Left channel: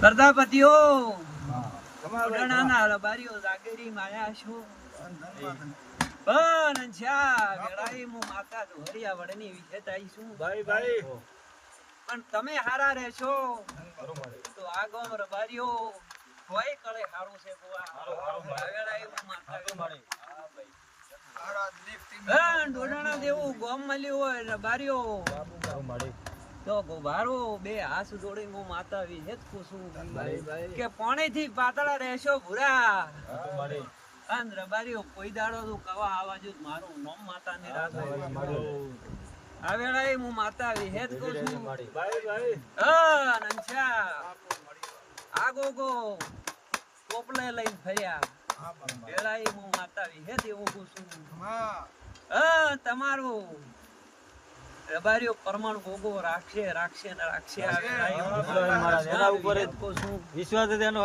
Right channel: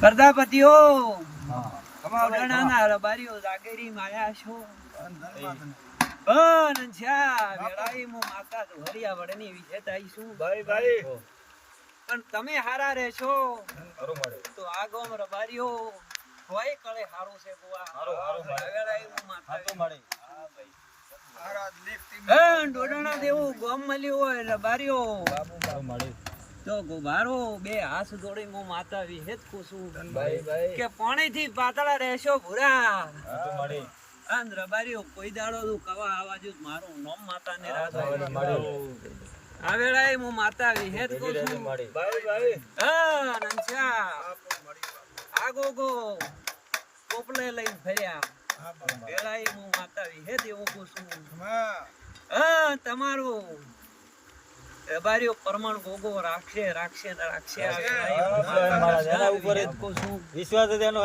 પ્રજાપતિઓ ઉડાણા રબારીઓ જાગેરી માયા છો પણ છા વેળાઈ મુ માતા હરિયા વડની વિજેતાઈ છું ભાઈ ભાઈ પણ તમે હારા રહેશો તો આ ગોમ રબારીઓ કોઈ કળે હારું છે ગોવા હારો વેળાઈ મુ માતા તો મળે હા ભાઈ હારા લીફતી ડોડાણા દેવું ગોમ મળ્યું હોય રબારીઓ બાબુ મળે તો ગોબારો બે હાથ જોડી મો માતા વિહેત કુસુ ભાઈ ભાઈ કે પાણી થી પાતળા રહેશો ભૂરા તો મળે આન રબારીઓ કોઈ દાડો તું કવા આવાજો મારું નામ માતાને રાખો આ વેળાએ મો માતા વિહેત કુસુ ભાઈ ભાઈ હા નંચા આ ગોગો કોપલે લઈને ફર્યા વેળાએ મો માતા વિહેત એવું કુસુ હા તમારું રબારીઓ પરમાણ ગોગો રાખશે મારા જેના ઉપર જ કો છું વિશ્વાસ છે એનો